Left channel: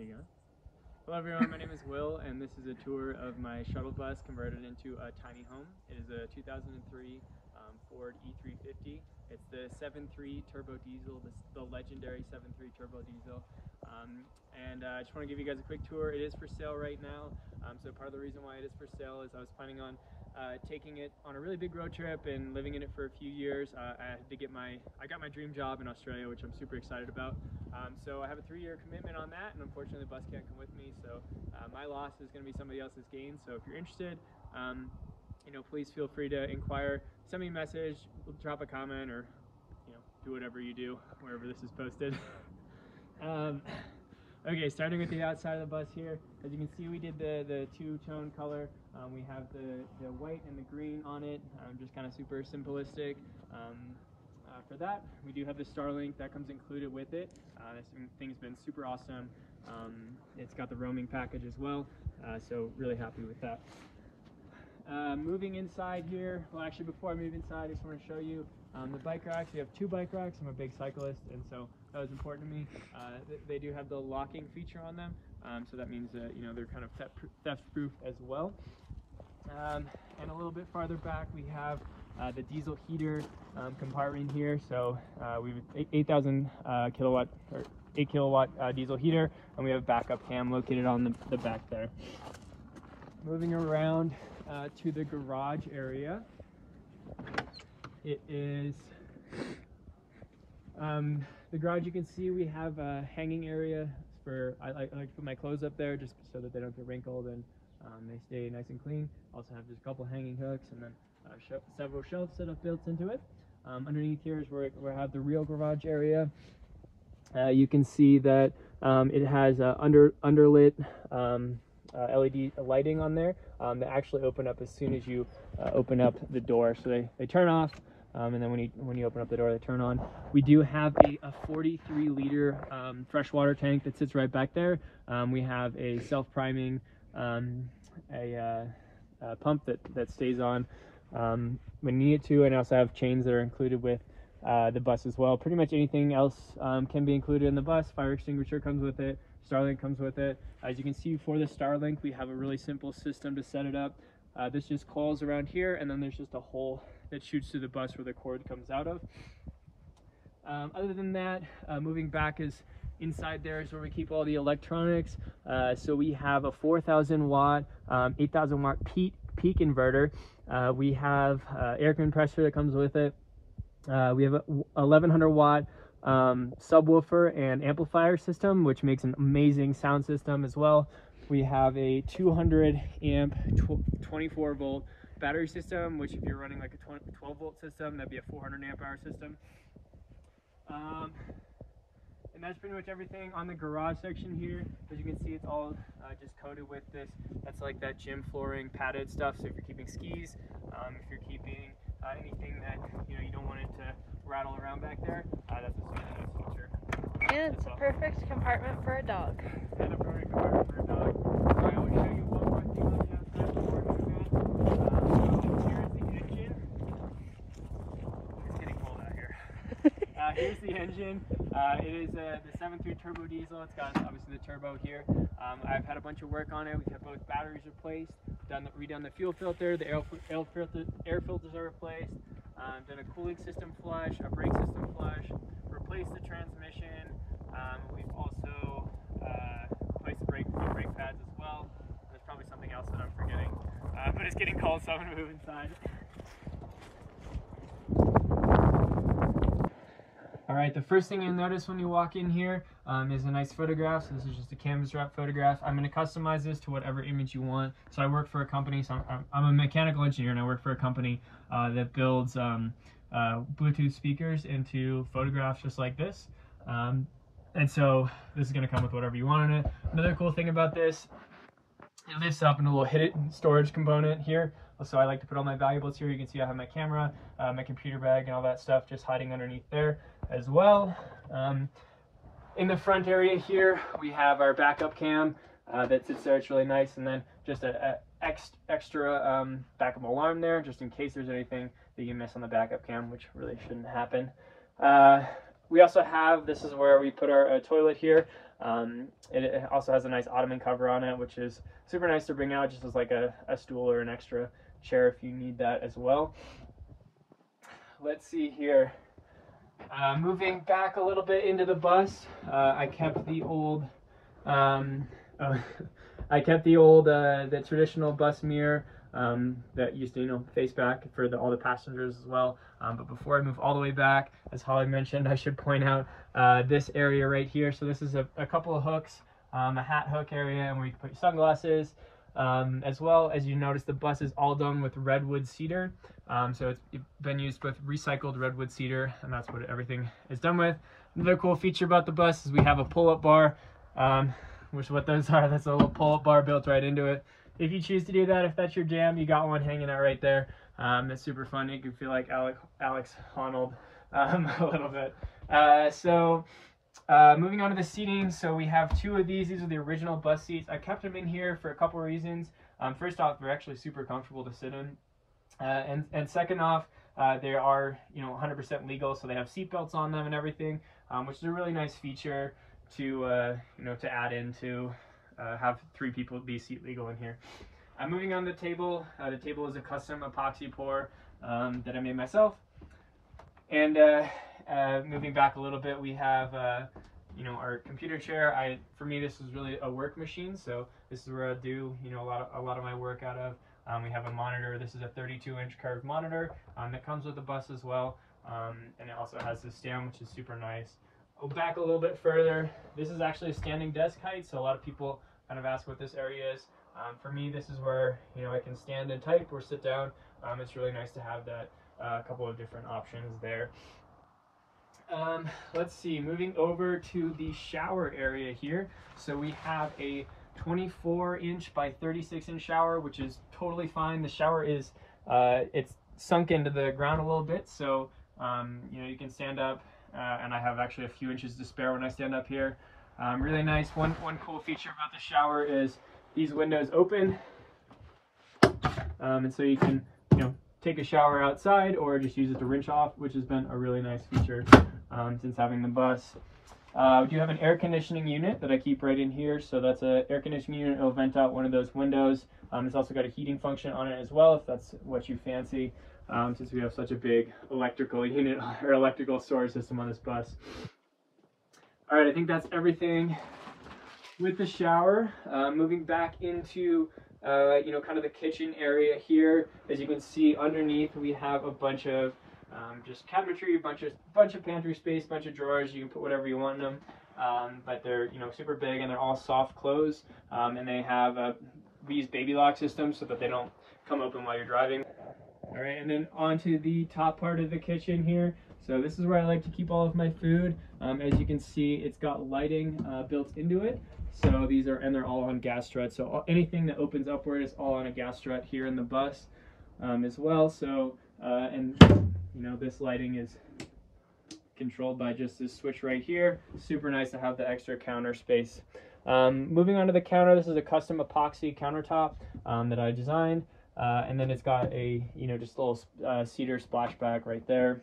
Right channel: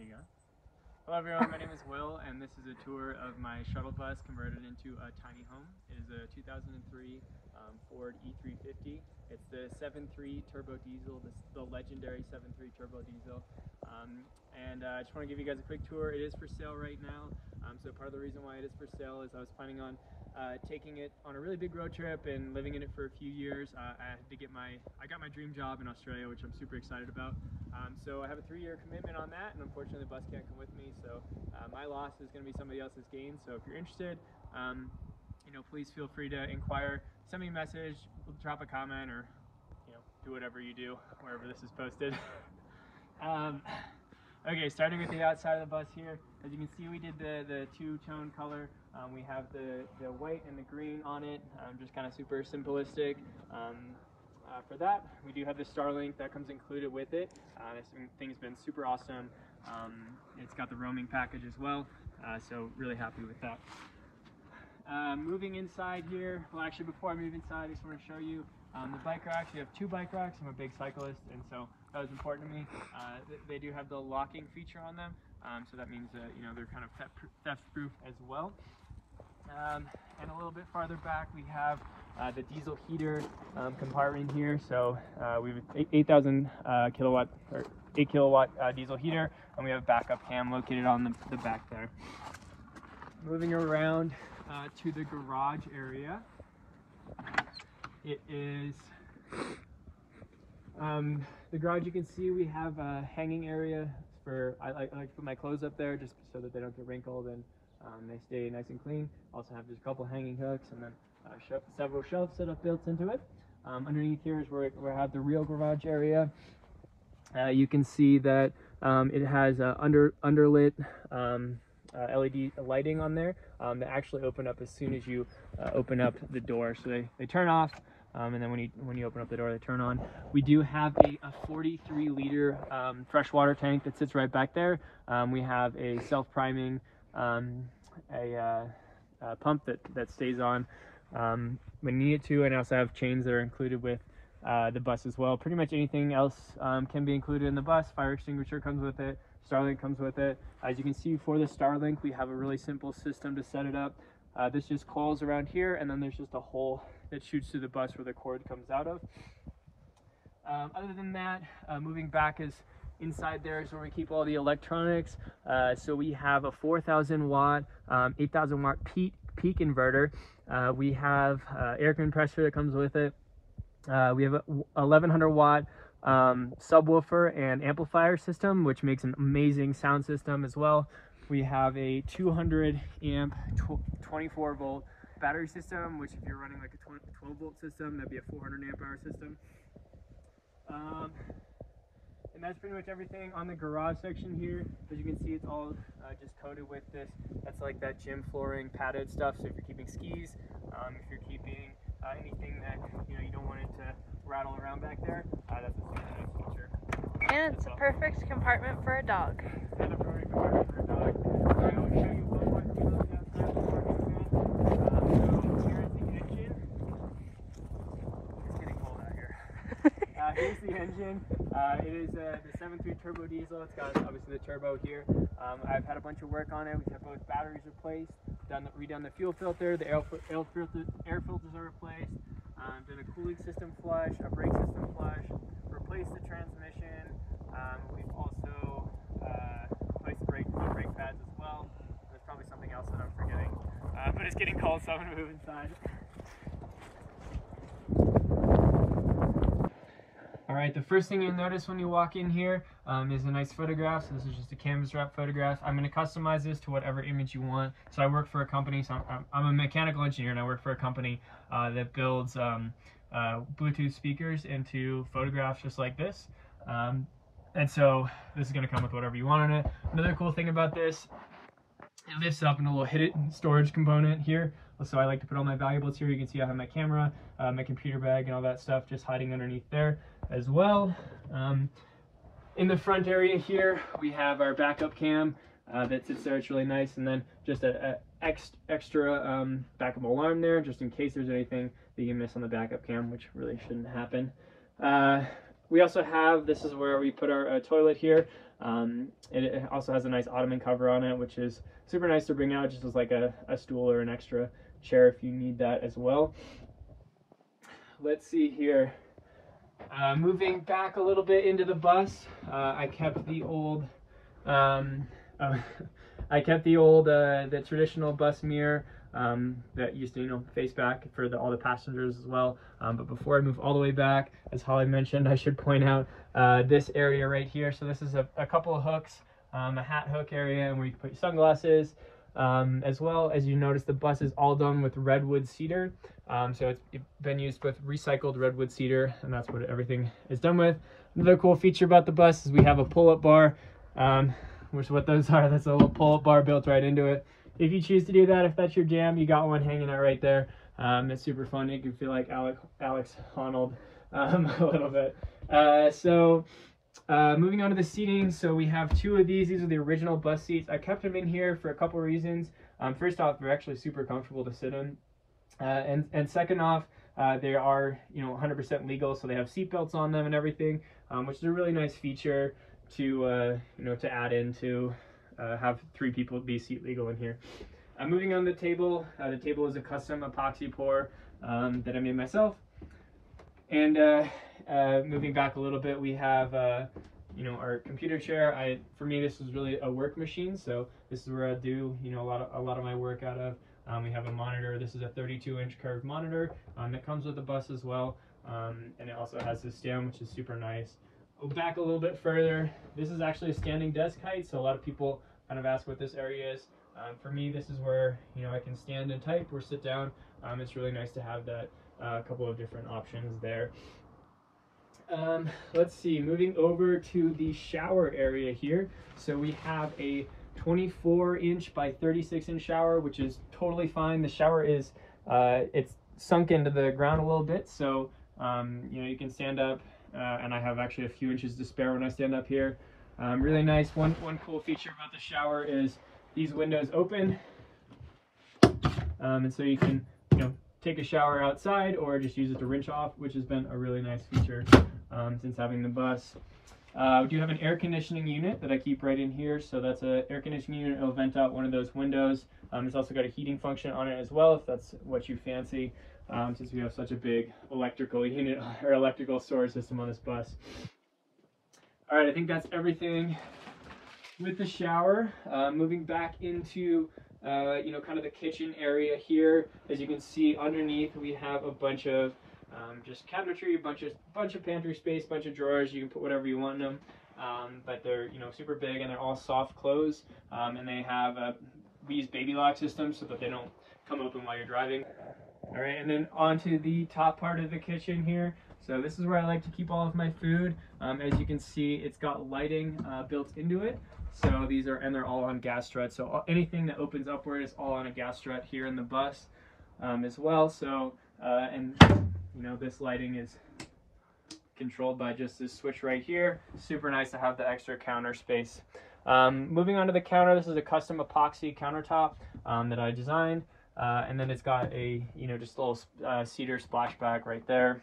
There you go. Hello everyone, my name is Will, and this is a tour of my shuttle bus converted into a tiny home. It is a 2003 Ford E350. It's the 7.3 turbo diesel, the legendary 7.3 turbo diesel. I just want to give you guys a quick tour. It is for sale right now. So part of the reason why it is for sale is I was planning on taking it on a really big road trip and living in it for a few years. I got my dream job in Australia, which I'm super excited about. So I have a 3-year commitment on that, and unfortunately the bus can't come with me. So my loss is going to be somebody else's gain. So if you're interested, please feel free to inquire. Send me a message, drop a comment, or do whatever you do wherever this is posted. Okay, starting with the outside of the bus here. As you can see, we did the two-tone color. We have the white and the green on it, just kind of super simplistic. For that, we do have the Starlink that comes included with it. This thing's been super awesome. It's got the roaming package as well, so really happy with that. Moving inside here, well actually before I move inside, I just want to show you the bike racks. We have 2 bike racks. I'm a big cyclist, and so that was important to me. They do have the locking feature on them, so that means they're kind of theft-proof as well. And a little bit farther back, we have the diesel heater compartment here. So we have 8,000 kilowatt or 8 kilowatt diesel heater, and we have backup cam located on the back there. Moving around to the garage area, it is the garage. You can see we have a hanging area for I like to put my clothes up there just so that they don't get wrinkled and they stay nice and clean. Also have just a couple hanging hooks, and then several shelves set up built into it. Underneath here is where we have the real garage area. You can see that it has underlit LED lighting on there that actually open up as soon as you open up the door. So they turn off, and then when you open up the door, they turn on. We do have a 43-liter freshwater tank that sits right back there. We have a self-priming pump that stays on when you need it to, and I also have chains that are included with the bus as well. Pretty much anything else can be included in the bus. Fire extinguisher comes with it. Starlink comes with it. As you can see, for the Starlink, we have a really simple system to set it up. This just coils around here, and then there's just a hole that shoots to the bus where the cord comes out of. Other than that, moving back is inside there is where we keep all the electronics. So we have a 4,000 watt, 8,000 watt peak inverter. We have air compressor that comes with it. We have a 1,100 watt subwoofer and amplifier system, which makes an amazing sound system as well. We have a 200 amp 24 volt battery system, which if you're running like a 12 volt system, that'd be a 400 amp hour system. And that's pretty much everything on the garage section here. As you can see, it's all just coated with this. That's like that gym flooring padded stuff. So if you're keeping skis, if you're keeping anything that you don't want it to rattle around back there, that's a super nice feature. And it's a perfect compartment for a dog. And a perfect compartment for a dog. So I will show you one more thing on the outside before I move in. So here's the engine. It's getting cold out here. Here's the engine. It is the 7.3 turbo diesel. It's got obviously the turbo here. I've had a bunch of work on it. We've had both batteries replaced, redone the fuel filter, the air filters are replaced, done a cooling system flush, a brake system flush, replaced the transmission. We've also replaced the brake pads as well. There's probably something else that I'm forgetting, but it's getting cold, so I'm gonna move inside. Alright, the first thing you'll notice when you walk in here is a nice photograph. So this is just a canvas wrap photograph. I'm going to customize this to whatever image you want. So I work for a company, so I'm a mechanical engineer, and I work for a company that builds Bluetooth speakers into photographs just like this. And so this is going to come with whatever you want on it. Another cool thing about this, it lifts up in a little hidden storage component here. So I like to put all my valuables here. You can see I have my camera, my computer bag, and all that stuff just hiding underneath there as well. In the front area here, we have our backup cam that sits there. It's really nice. And then just an extra backup alarm there, just in case there's anything that you miss on the backup cam, which really shouldn't happen. We also have, this is where we put our toilet here. It also has a nice ottoman cover on it, which is super nice to bring out just as like a stool or an extra chair if you need that as well. Let's see here. Moving back a little bit into the bus, I kept the old, the traditional bus mirror that used to, face back for all the passengers as well. But before I move all the way back, as Holly mentioned, I should point out this area right here. So this is a couple of hooks, a hat hook area, and where you can put your sunglasses. As well as you notice, the bus is all done with redwood cedar. So it's been used with recycled redwood cedar, and that's what everything is done with. Another cool feature about the bus is we have a pull-up bar, which is what those are. That's a little pull-up bar built right into it. If you choose to do that, if that's your jam, you got one hanging out right there. It's super fun. You can feel like Alex Honnold a little bit. Moving on to the seating, so we have two of these. These are the original bus seats. I kept them in here for a couple reasons. First off, they're actually super comfortable to sit in, and second off, they are 100% legal, so they have seat belts on them and everything, which is a really nice feature to to add in to have 3 people be seat legal in here. Moving on to the table is a custom epoxy pour that I made myself, and moving back a little bit, we have our computer chair. For me, this is really a work machine, so this is where I do a lot of my work out of. We have a monitor. This is a 32-inch curved monitor that comes with the bus as well, and it also has this stand, which is super nice. Back a little bit further, this is actually standing desk height, so a lot of people kind of ask what this area is. For me, this is where I can stand and type or sit down. It's really nice to have that couple of different options there. Let's see, moving over to the shower area here. So we have a 24-inch by 36-inch shower, which is totally fine. The shower is, it's sunk into the ground a little bit, so you can stand up, and I have actually a few inches to spare when I stand up here. Really nice. One cool feature about the shower is these windows open, and so you can take a shower outside or just use it to rinse off, which has been a really nice feature since having the bus. We do have an air conditioning unit that I keep right in here, so that's an air conditioning unit. It'll vent out one of those windows. It's also got a heating function on it as well, if that's what you fancy, since we have such a big electrical unit or electrical storage system on this bus. All right, I think that's everything with the shower. Moving back into kind of the kitchen area here. As you can see, underneath we have a bunch of just cabinetry, bunch of pantry space, bunch of drawers. You can put whatever you want in them, but they're super big, and they're all soft close, and they have we use baby lock systems so that they don't come open while you're driving. All right, and then onto the top part of the kitchen here. So this is where I like to keep all of my food. As you can see, it's got lighting built into it. So they're all on gas struts. So anything that opens upward is all on a gas strut here in the bus as well. So this lighting is controlled by just this switch right here. Super nice to have the extra counter space. Moving on to the counter, this is a custom epoxy countertop that I designed, and then it's got a just a little cedar splashback right there.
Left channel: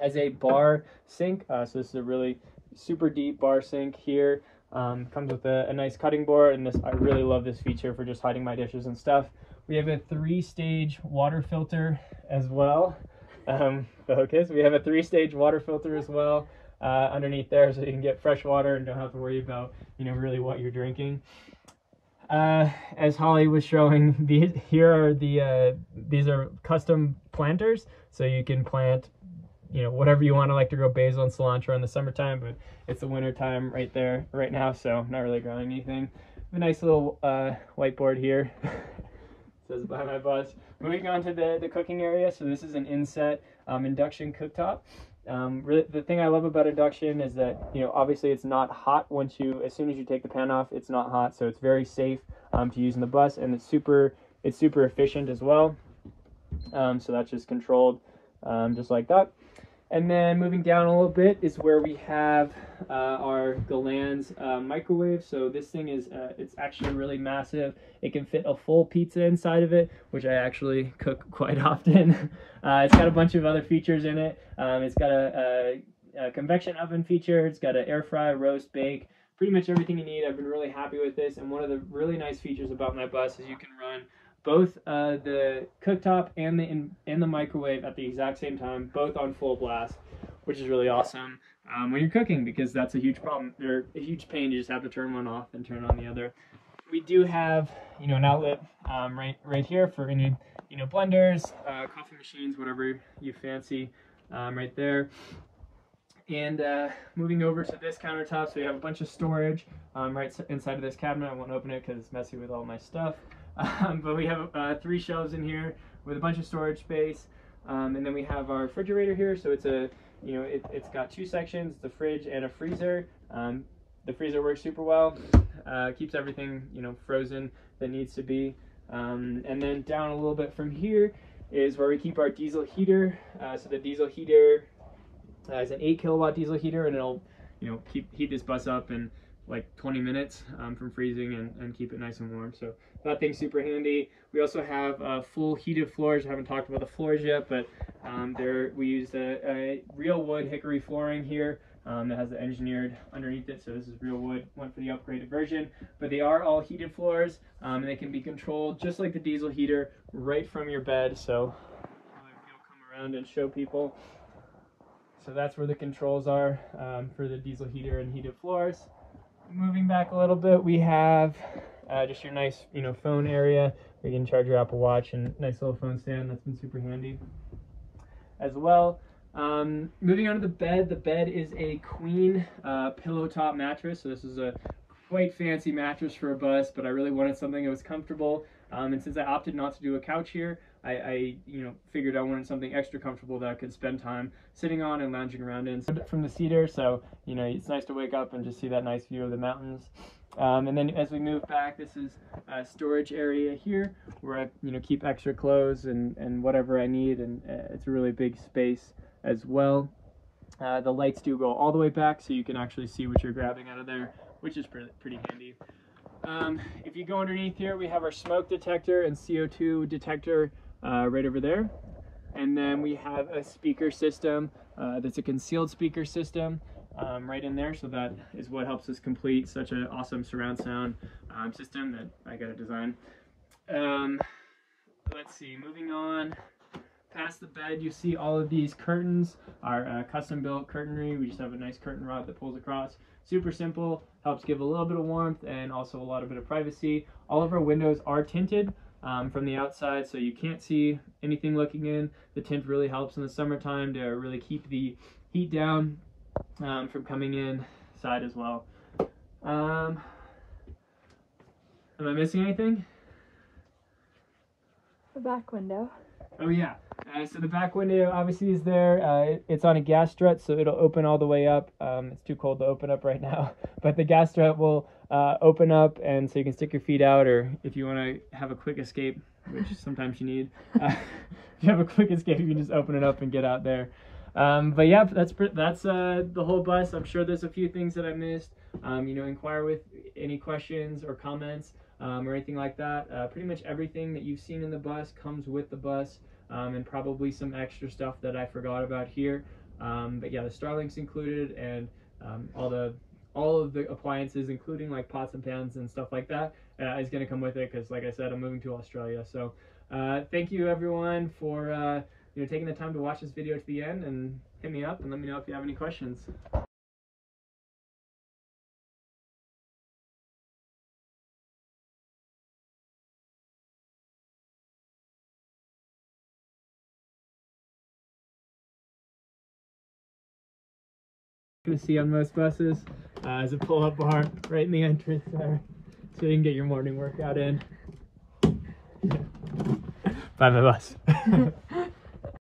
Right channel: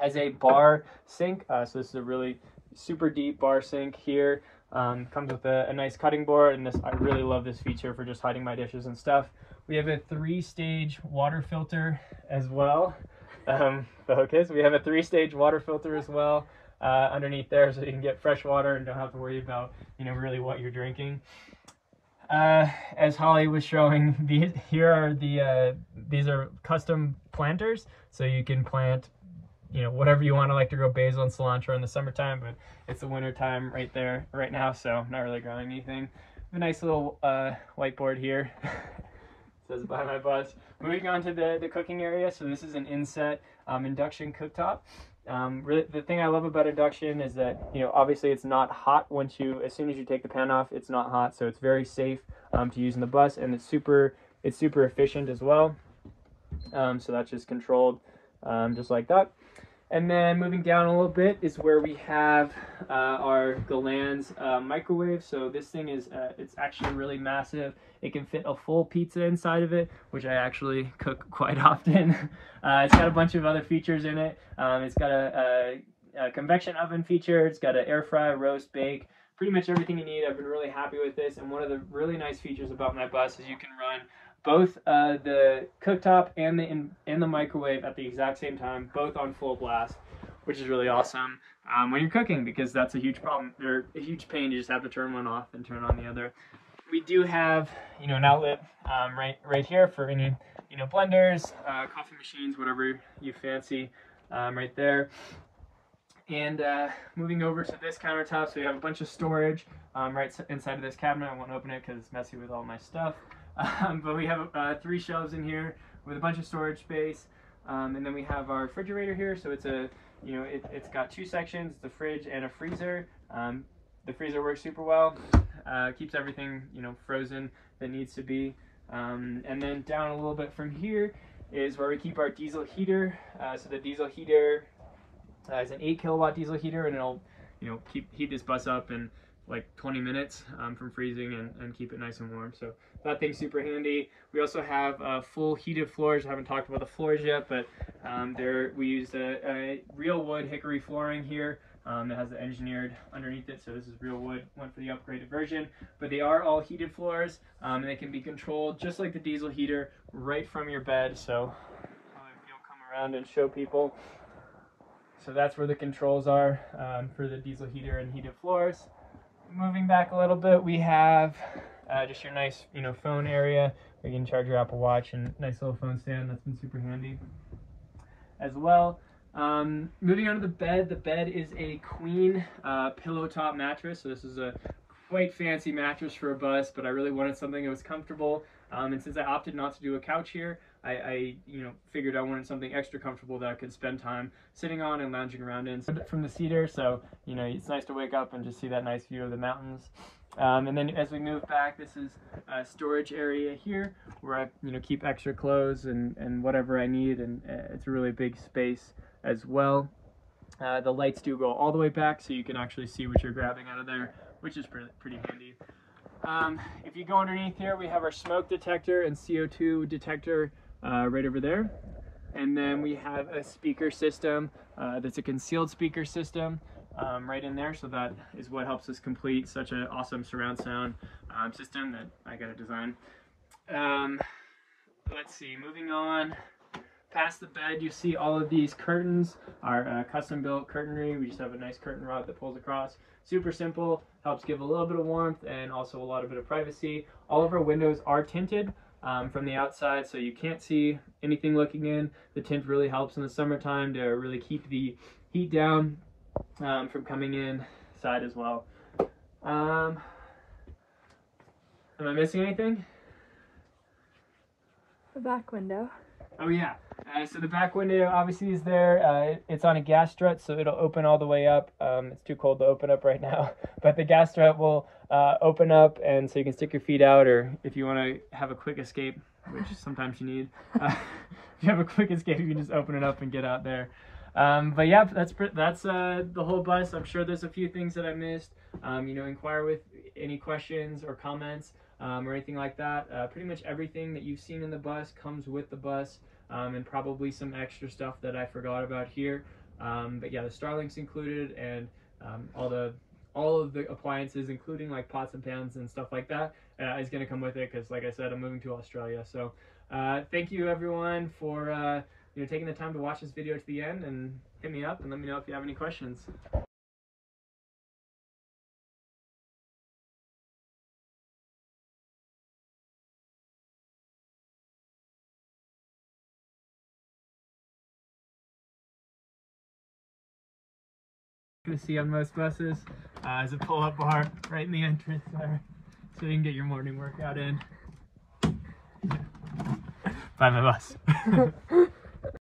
As a bar sink, so this is a really super deep bar sink here. Comes with a nice cutting board, and I really love this feature for just hiding my dishes and stuff. We have a 3-stage water filter as well. Okay, so we have a 3-stage water filter as well underneath there, so you can get fresh water and don't have to worry about really what you're drinking. As Holly was showing, these are custom planters, so you can plant whatever you want. I like to grow basil and cilantro in the summertime, but it's the winter time right now, so not really growing anything. A nice little whiteboard here. Says by my bus. Moving on to the cooking area. So this is an inset induction cooktop. Really, the thing I love about induction is that obviously it's not hot as soon as you take the pan off. It's not hot, so it's very safe to use in the bus, and it's super efficient as well. So that's just controlled just like that. And then moving down a little bit is where we have the Land's microwave. So this thing is it's actually really massive. It can fit a full pizza inside of it, which I actually cook quite often. It's got a bunch of other features in it. It's got a convection oven feature. It's got an air fry, roast, bake, pretty much everything you need. I've been really happy with this, and one of the really nice features about my bus is you can run both the cooktop and the microwave at the exact same time, both on full blast, which is really awesome when you're cooking, because that's a huge problem. They're a huge pain. You just have to turn one off and turn on the other. We do have, an outlet right here for any, blenders, coffee machines, whatever you fancy, right there. And moving over to this countertop, so we have a bunch of storage right inside of this cabinet. I won't open it because it's messy with all my stuff. But we have 3 shelves in here with a bunch of storage space. And then we have our refrigerator here. So it's a, it's got 2 sections, the fridge and a freezer. The freezer works super well, keeps everything, frozen that needs to be. And then down a little bit from here is where we keep our diesel heater. So the diesel heater is an 8 kilowatt diesel heater, and it'll, heat this bus up in like 20 minutes from freezing and keep it nice and warm. So that thing's super handy. We also have full heated floors. I haven't talked about the floors yet, but we used a real wood hickory flooring here. It has the engineered underneath it, so this is real wood, went for the upgraded version. But they are all heated floors, and they can be controlled just like the diesel heater right from your bed. So you'll come around and show people. So that's where the controls are for the diesel heater and heated floors. Moving back a little bit, we have just your nice, phone area where you can charge your Apple Watch, and nice little phone stand. That's been super handy as well. Moving on to the bed is a queen pillow top mattress. So this is a quite fancy mattress for a bus, but I really wanted something that was comfortable. And since I opted not to do a couch here, I figured I wanted something extra comfortable that I could spend time sitting on and lounging around in from the cedar. So, it's nice to wake up and just see that nice view of the mountains. And then as we move back, this is a storage area here where I, keep extra clothes and whatever I need. And it's a really big space as well. The lights do go all the way back, so you can actually see what you're grabbing out of there, which is pretty handy. If you go underneath here, we have our smoke detector and CO2 detector right over there. And then we have a speaker system that's a concealed speaker system right in there. So that is what helps us complete such an awesome surround sound system that I got to design. Let's see, moving on. Past the bed, you see all of these curtains are custom built curtainry. We just have a nice curtain rod that pulls across. Super simple, helps give a little bit of warmth and also a lot of privacy. All of our windows are tinted from the outside, so you can't see anything looking in. The tint really helps in the summertime to really keep the heat down from coming inside as well. Am I missing anything? The back window. Oh yeah, so the back window obviously is there. It's on a gas strut, so it'll open all the way up. It's too cold to open up right now, but the gas strut will open up, and so you can stick your feet out, or if you want to have a quick escape, which sometimes you need, if you have a quick escape, you can just open it up and get out there. But yeah, that's the whole bus. I'm sure there's a few things that I missed. Inquire with any questions or comments. Or anything like that. Pretty much everything that you've seen in the bus comes with the bus, and probably some extra stuff that I forgot about here. But yeah, the Starlink's included, and all of the appliances, including like pots and pans and stuff like that, is going to come with it, because like I said, I'm moving to Australia. So thank you everyone for taking the time to watch this video to the end, and hit me up and let me know if you have any questions. To see on most buses is a pull-up bar right in the entrance there, so you can get your morning workout in. Bye, my bus.